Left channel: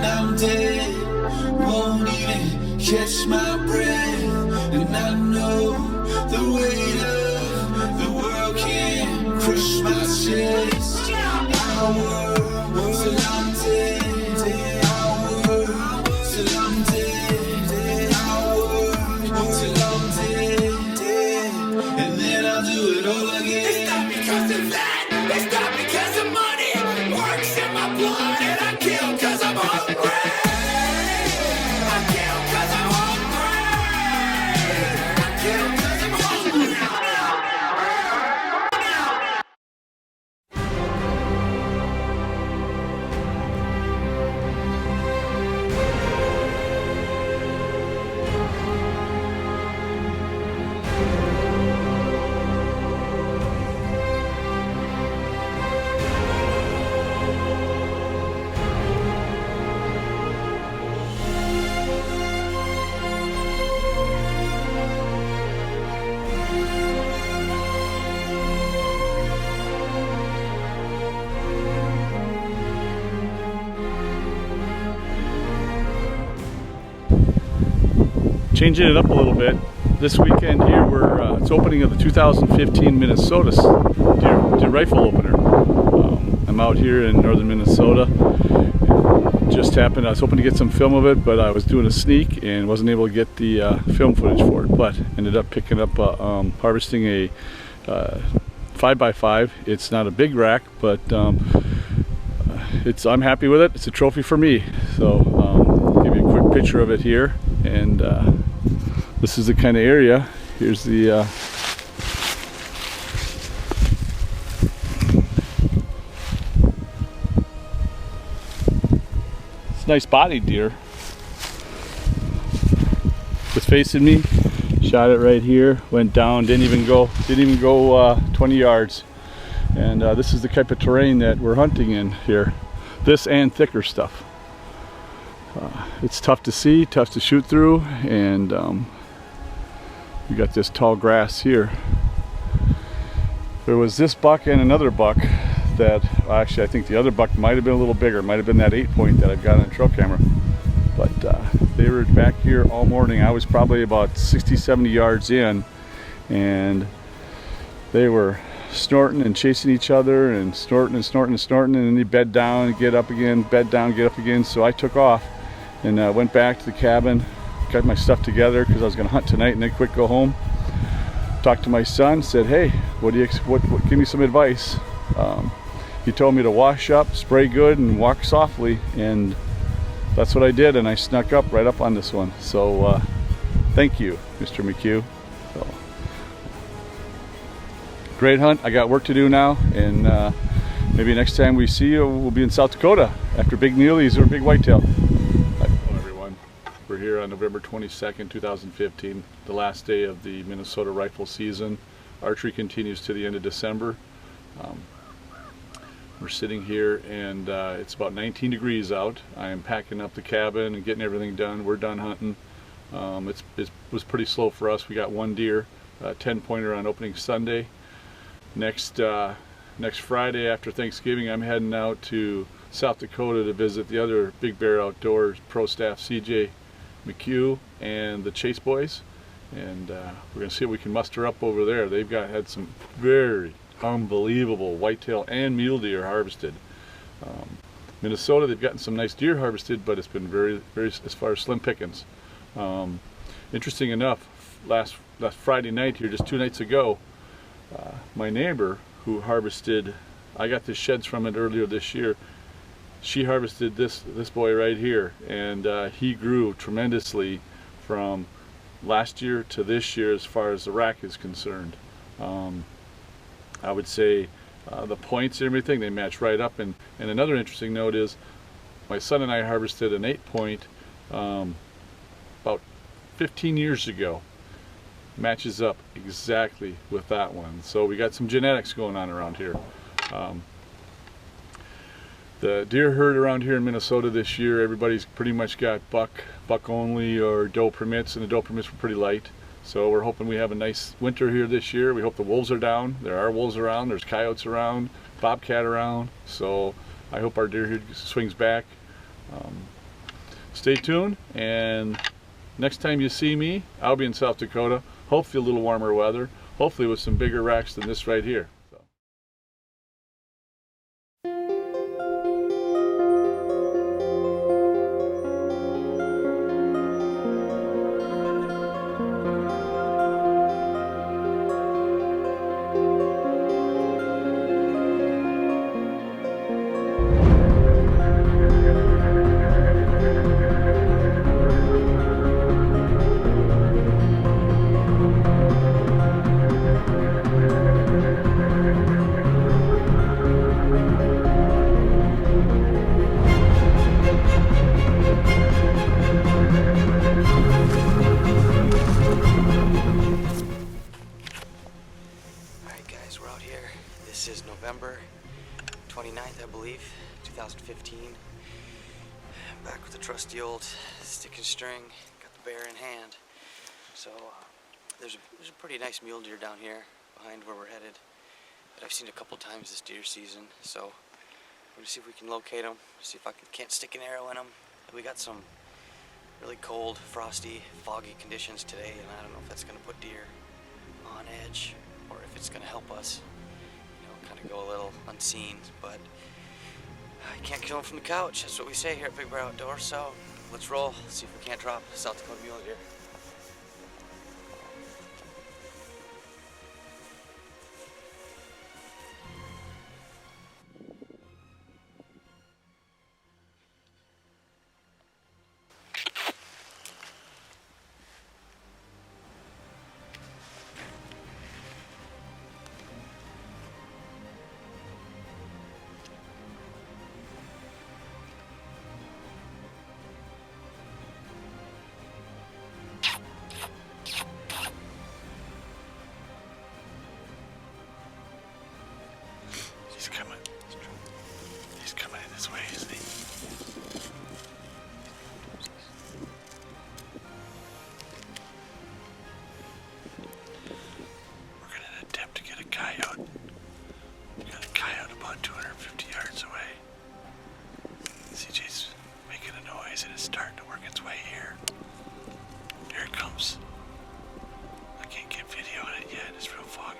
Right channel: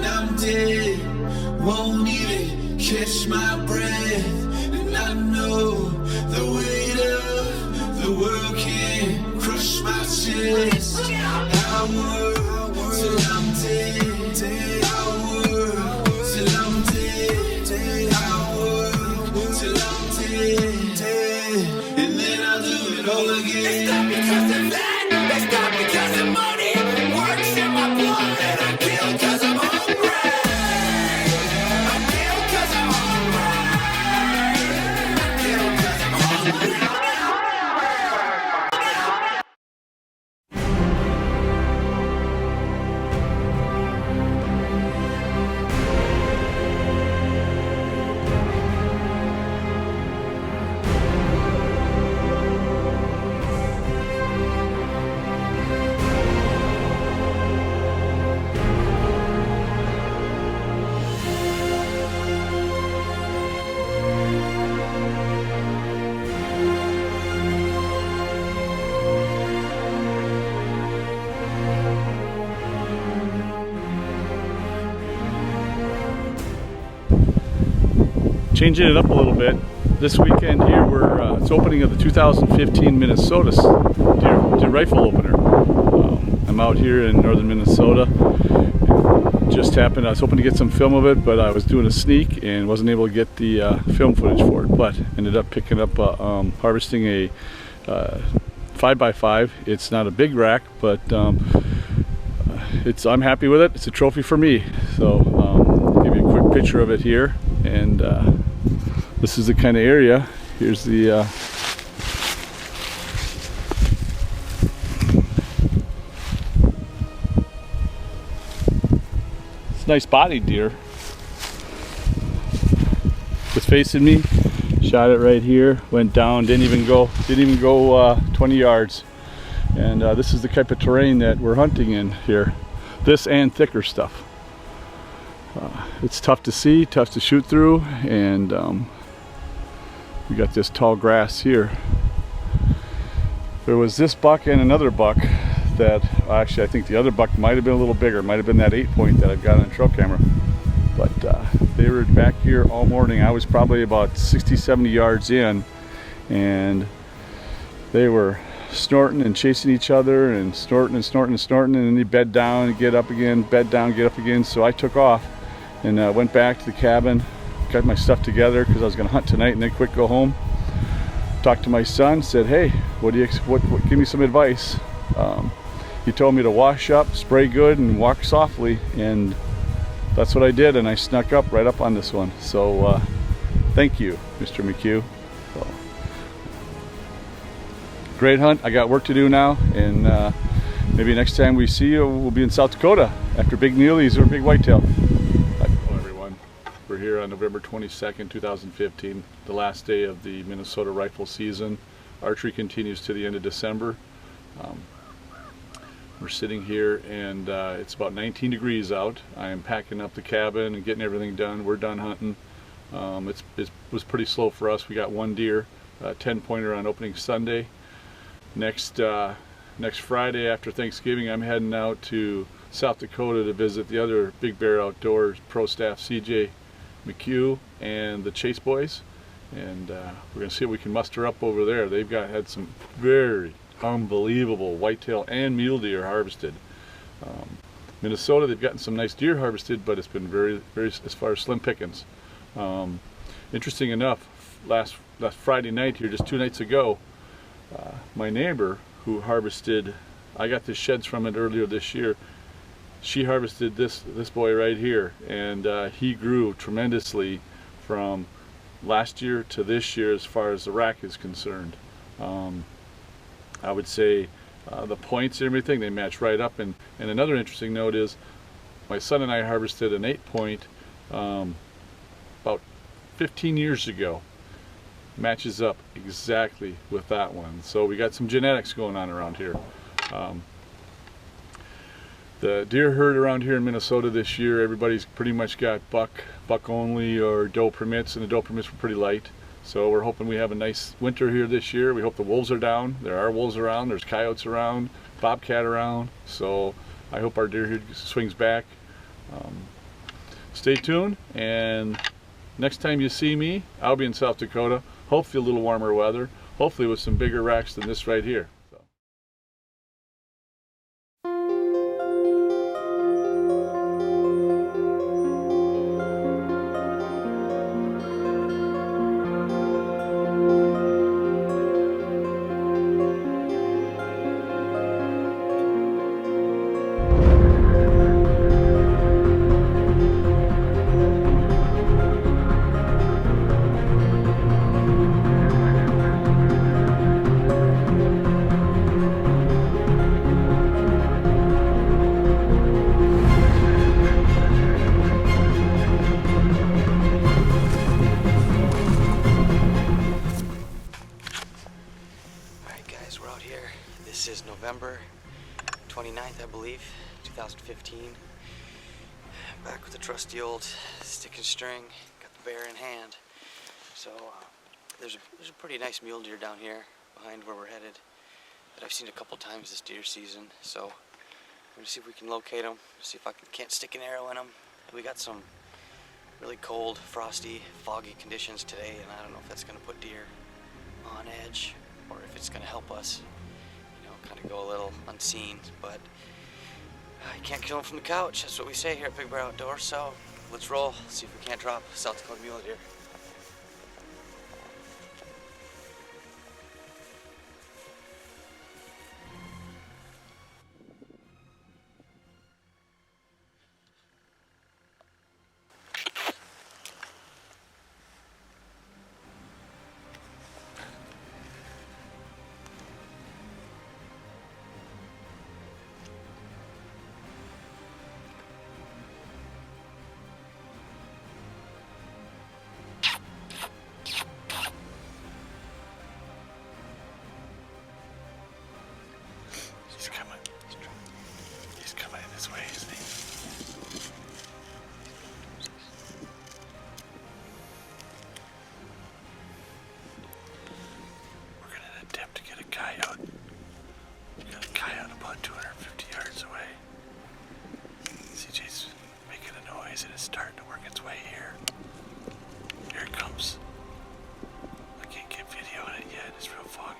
when I'm dead, won't even catch my breath. And I know the weight of the world can crush my chest. I work till I'm dead. I work till I'm dead. I work till I'm dead. And then I'll do it all again. It's not because of that. It's not because of money. Works in my blood, and I kill because I'm hungry. I kill because I'm hungry. I kill because I'm hungry. Changing it up a little bit. This weekend here, it's opening of the 2015 Minnesota deer rifle opener. I'm out here in northern Minnesota. Just happened, I was hoping to get some film of it, but I was doing a sneak and wasn't able to get the film footage for it. But ended up picking up, harvesting a 5x5. It's not a big rack, but I'm happy with it. It's a trophy for me. So I'll give you a quick picture of it here. And this is the kind of area. Here's the it's a nice bodied deer. Was facing me, shot it right here, went down, didn't even go 20 yards. And this is the type of terrain that we're hunting in here. This and thicker stuff. It's tough to see, tough to shoot through, and we got this tall grass here. There was this buck and another buck that, actually I think the other buck might have been a little bigger, might have been that 8-point that I've got on trail camera. But they were back here all morning. I was probably about 60-70 yards in, and they were snorting and chasing each other and snorting and snorting and snorting, and then they bed down and get up again, bed down, get up again. So I took off and went back to the cabin, got my stuff together because I was going to hunt tonight and then quick go home. Talked to my son, said, hey, what give me some advice. He told me to wash up, spray good, and walk softly, and that's what I did, and I snuck up right up on this one. So thank you, Mr. McHugh. So, great hunt. I got work to do now, and maybe next time we see you, we'll be in South Dakota after big muleys or big whitetail. Hello everyone. We're here on November 22nd, 2015, the last day of the Minnesota rifle season. Archery continues to the end of December. We're sitting here and it's about 19 degrees out. I am packing up the cabin and getting everything done. We're done hunting. It was pretty slow for us. We got one deer, 10-pointer on opening Sunday. Next Friday after Thanksgiving, I'm heading out to South Dakota to visit the other Big Bear Outdoors pro staff, CJ McHugh and the Chase boys, and we're going to see what we can muster up over there. They've had some very unbelievable whitetail and mule deer harvested. Minnesota, they've gotten some nice deer harvested, but it's been very as far as slim pickings. Interesting enough, last Friday night here, just 2 nights ago, my neighbor who harvested, I got the sheds from it earlier this year, she harvested this boy right here, and he grew tremendously from last year to this year as far as the rack is concerned. I would say the points and everything, they match right up. And another interesting note is my son and I harvested an 8-point about 15 years ago. Matches up exactly with that one. So we got some genetics going on around here. The deer herd around here in Minnesota this year, everybody's pretty much got buck only or doe permits, and the doe permits were pretty light. So we're hoping we have a nice winter here this year. We hope the wolves are down. There are wolves around, there's coyotes around, bobcat around. So I hope our deer herd swings back. stay tuned, and next time you see me, I'll be in South Dakota, hopefully a little warmer weather, hopefully with some bigger racks than this right here. This is November 29th, I believe, 2015. Back with the trusty old stick and string, got the bear in hand. So there's a pretty nice mule deer down here behind where we're headed that I've seen a couple times this deer season. So I'm gonna see if we can locate him, see if I can't stick an arrow in him. We got some really cold, frosty, foggy conditions today, and I don't know if that's gonna put deer on edge or if it's gonna help us, kind of go a little unseen. But you can't kill them from the couch. That's what we say here at Big Bear Outdoors. So let's roll, see if we can't drop a South Dakota mule deer. He's coming in this way, isn't he? We're gonna attempt to get a coyote. We got a coyote about 250 yards away. CJ's making a noise and it's starting to work its way here. Here it comes. I can't get video on it yet, it's real foggy.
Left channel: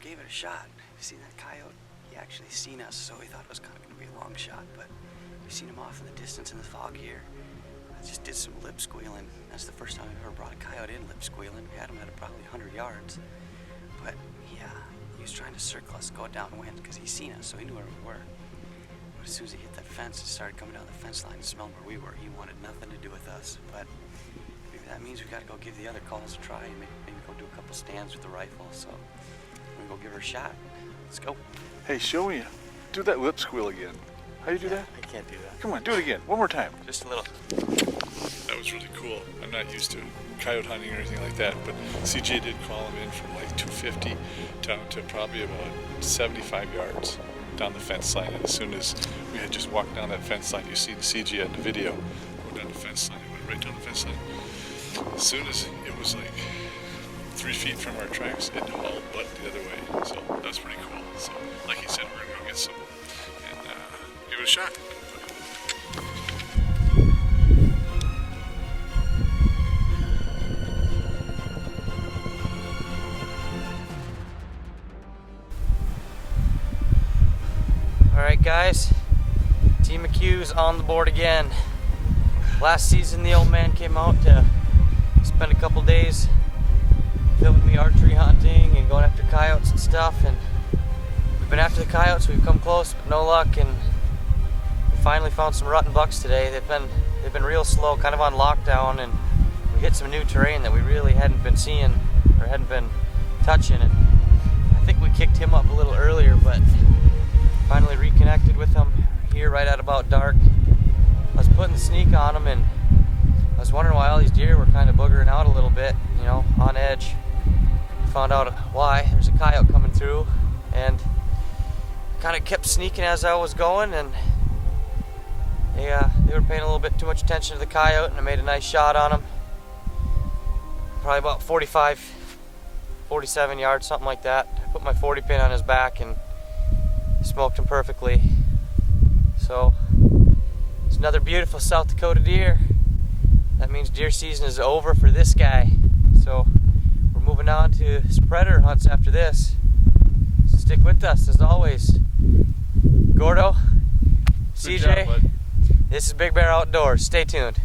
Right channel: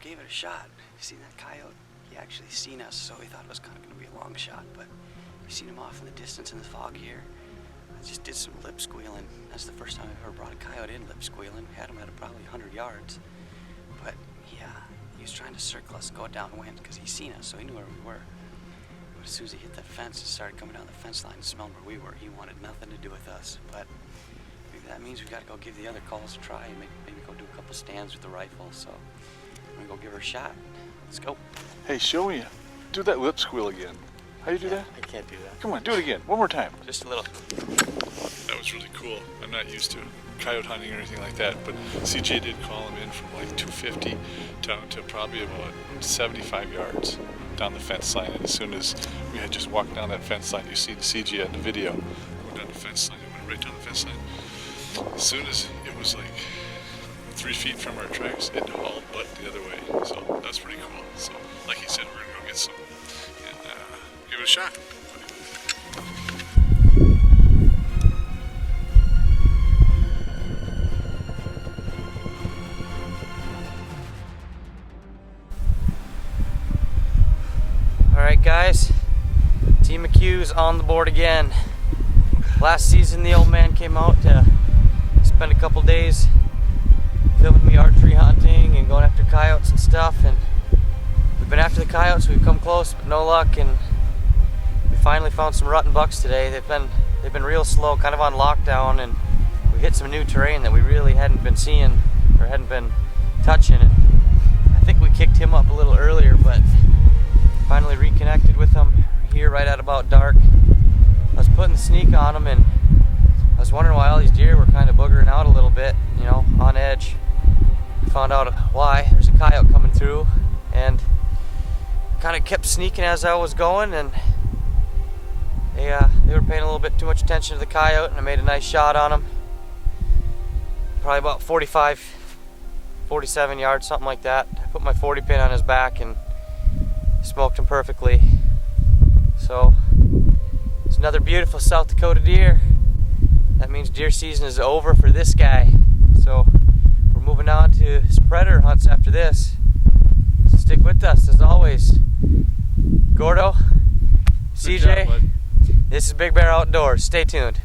Gave it a shot. See that coyote? He actually seen us, so we thought it was kind of going to be a long shot, but we seen him off in the distance in the fog here. I just did some lip squealing. That's the first time I've ever brought a coyote in lip squealing. We had him at probably 100 yards, but yeah, he was trying to circle us, go downwind, because he seen us, so he knew where we were. But as soon as he hit that fence and started coming down the fence line and smelling where we were, he wanted nothing to do with us. But maybe that means we got to go give the other calls a try and maybe go do a couple stands with the rifle. So I'm gonna go give her a shot. Let's go. Hey, show me. Do that lip squeal again. How do you do that? I can't do that. Come on, do it again. One more time. Just a little. That was really cool. I'm not used to coyote hunting or anything like that, but CJ did call him in from like 250 down to probably about 75 yards down the fence line. And as soon as we had just walked down that fence line, you see the CJ on the video go down the fence line. It went right down the fence line. As soon as it was like 3 feet from our tracks, it hauled butt the other way. So that's pretty cool. So like he said, we're gonna go get some and give it a shot. Alright guys, Team McHugh's on the board again. Last season the old man came out to spend a couple days filming me archery hunting and going after coyotes and stuff, and we've been after the coyotes. We've come close but no luck, and we finally found some rutting bucks today. They've been real slow, kind of on lockdown, and we hit some new terrain that we really hadn't been seeing or hadn't been touching, and I think we kicked him up a little earlier, but finally reconnected with him here right at about dark. I was putting the sneak on him, and I was wondering why all these deer were kind of boogering out a little bit, you know, on edge. Found out why. There's a coyote coming through, and kind of kept sneaking as I was going, and they were paying a little bit too much attention to the coyote, and I made a nice shot on him. Probably about 45, 47 yards, something like that. I put my 40 pin on his back and smoked him perfectly. So it's another beautiful South Dakota deer. That means deer season is over for this guy. So we're moving on to some predator hunts after this. So stick with us as always. Gordo, CJ, job, bud. This is Big Bear Outdoors. Stay tuned.